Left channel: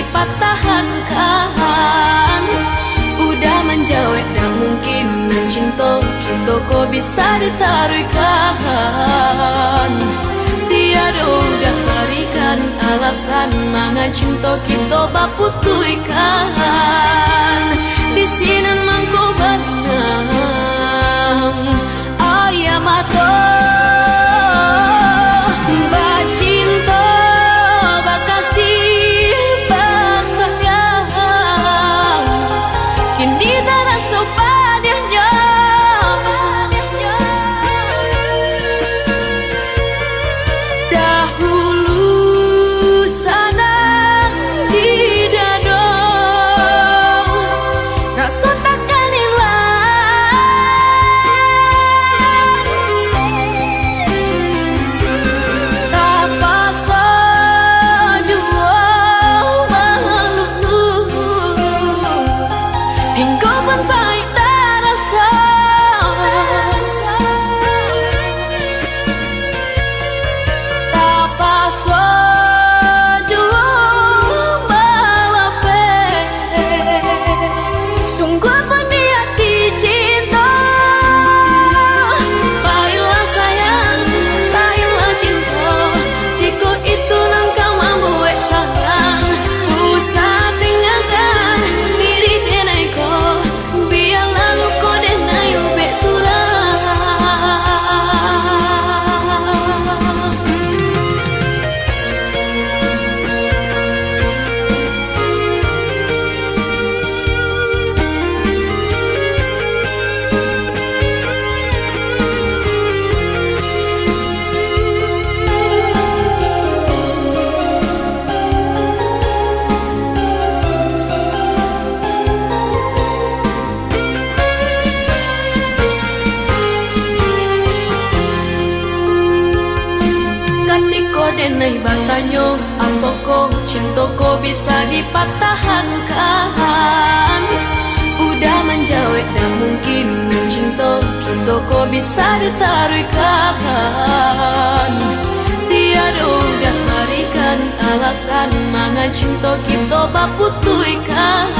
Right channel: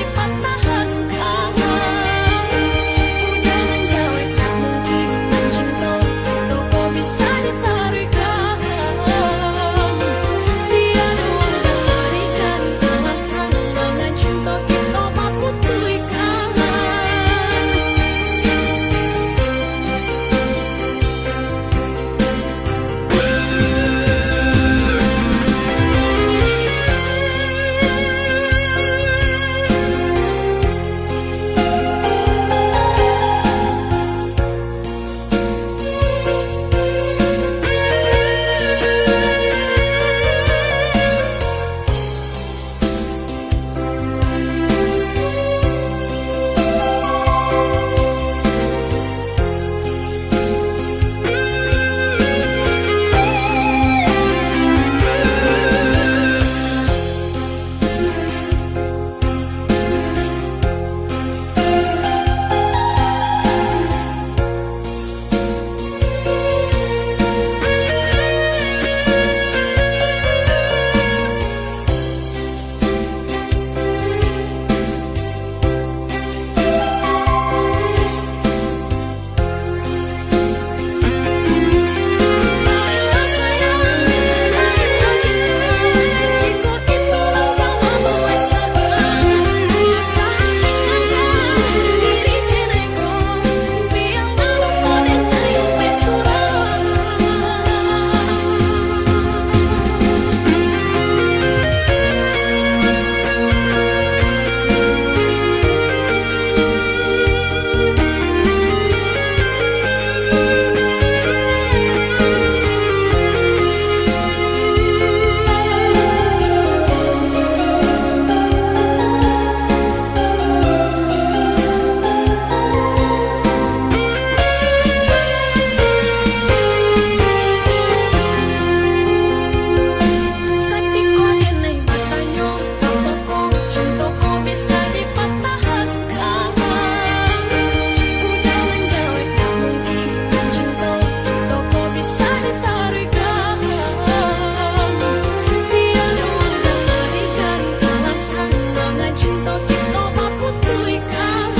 dipatahkan. Udah menjauh tak mungkin mencinta kita kok bisa ditaruhkan. Tiada udah berikan alasan mangan cinta kita baputuikan. Di sini mangku batang ayam mata bacinta bakasih basahnya. Kini tak rasa padanya. Dahulu sanang di dada rasa takkan hilang. Tak pasal jua malu hingga pun baik tak rasa. Tak pasal jua malape sungguh pun dia dicinta. Baiklah sayang, baiklah cinta, jika itu langkah mampu eksakan. Usah tinggalkan diri kenai kau, biarlah luka denai ubek surah. Ketika denai bertanya, apa kau cinta kau bisa dipatahkan? Udah menjawab tak mungkin cinta kita kau bisa ditaruhkan. Tiada udah berikan alasan mangan cinta kita baputuikan.